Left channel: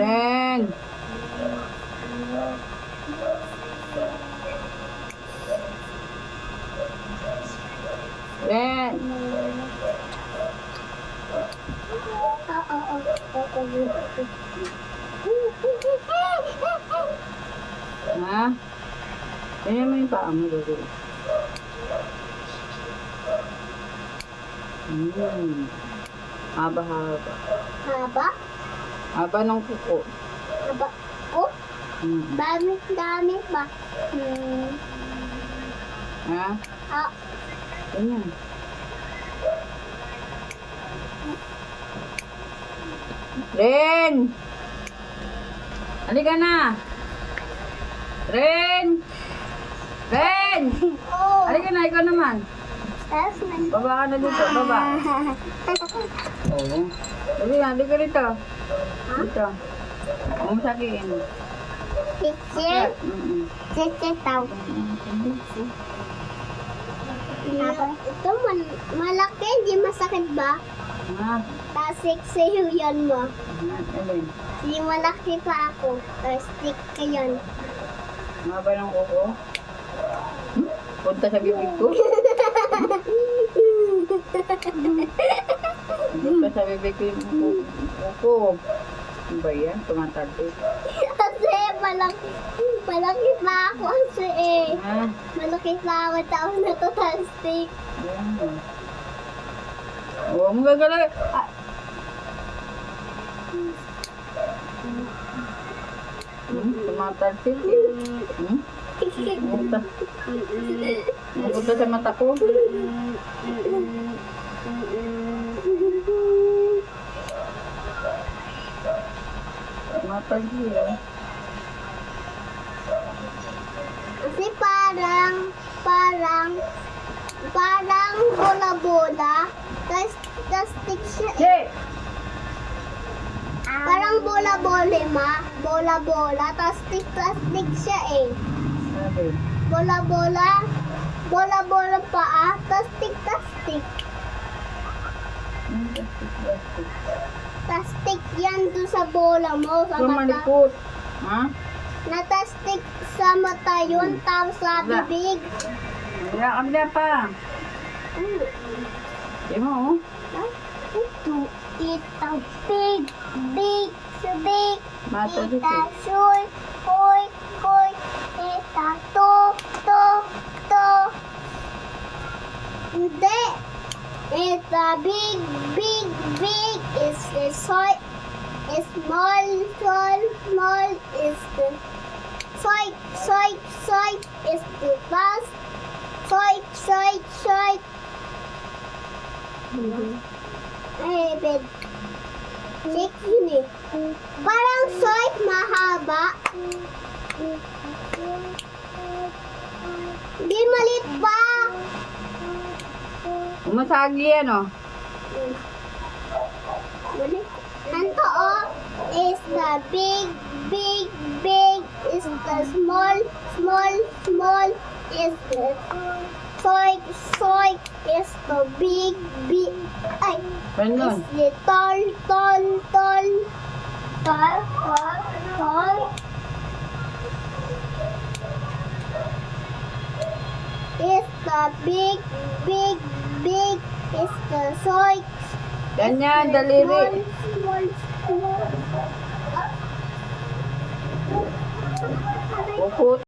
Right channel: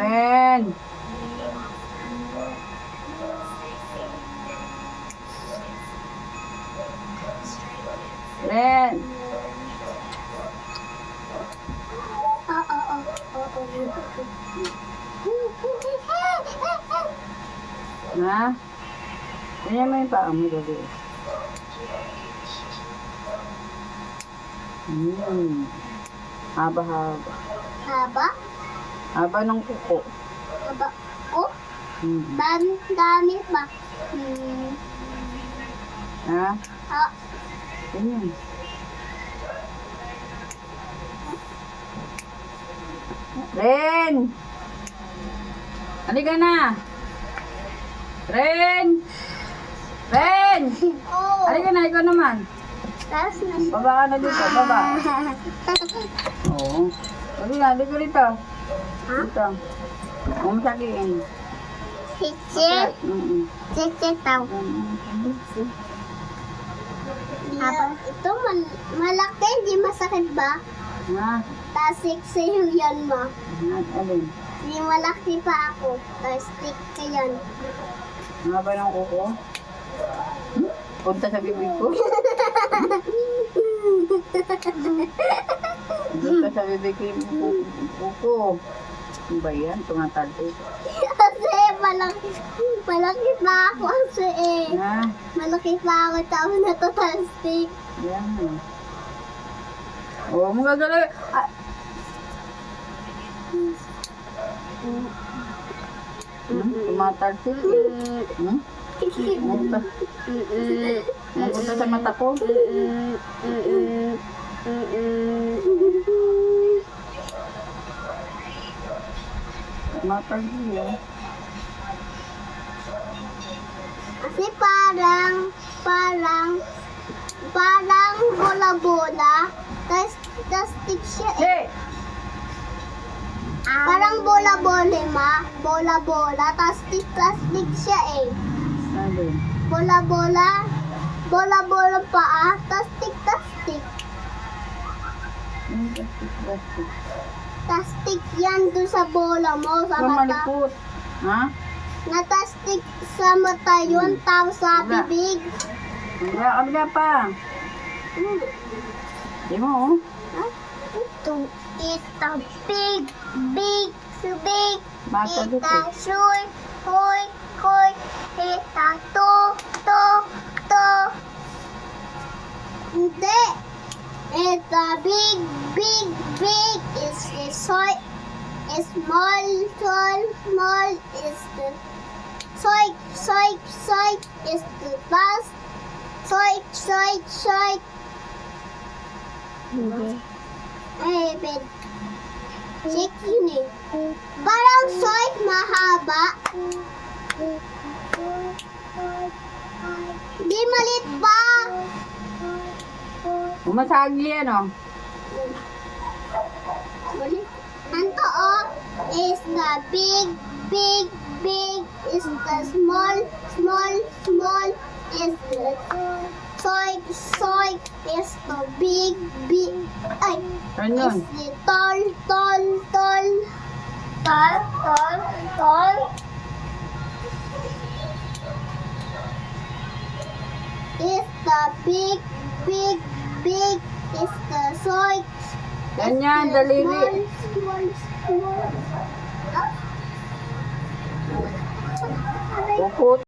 Ren. Ren. Ha? Ganyan mo yung paa mo dali. Haba-haba. Haba? Haba ng kuko. Haba ko? Mm. Dami ba? Ha? Ah, Ganyan. Ren! Halika na! Ren! Ren! oh. Halika na, ikaw naman. Tapos na. Baba ka na dito, baba. Oo. Sabi na, halika rito. Dito. Huwag mo sakiin. Chichi. Chichi tao. Ito malaki, hindi masakit ba? Ha? Tapos sexy yung yan mo. Ha? Alin? Hindi malaki pa ako. Tapos stick ka yan. Ang haba ng kuko? Punta sa bibig ko? Punta sa bibig ko yung kuko. Ano ba yan? Tumatalo. Kasi malaki pa ako kasi eh. Ha? Malaki pa ako tapos natatastik. Yan. Oo, mo gagalaw. Ah. Tumatalsil. Mapunta sa mata ko. Tumatalsil. Kasi parang bola-bola. Tapos stick siya eh. Hey! Parang bola-bola ma. Bola-bola. Tapos stick siya eh. Sabi. Bola-bola. Bola-bola pa Tapos stick. Plastic. Tapos stick yan doon sa bola mo. Sa mata. Malikot. Ha? Natastik sa mata yun. Tapos sa Wala. bibig. Kabila pa. Di mo, oh. Ito. It's a big. Mata It's dito. a short. Hoy. It's a to. Hindi. It's a big. It's a soy. It's small. It's the soy. It's the bus. Soy. Eh, bed. Check yun eh. Parang soy, mahaba. Di malit pa. Umasagi yan, oh. Malit. Anto oh, is the big. Is the small. Is the soy. Is the big. Ay. Ganyan. Is the tall. Is the big. Is the soy. Ganyan, daliri. Small. Kuko.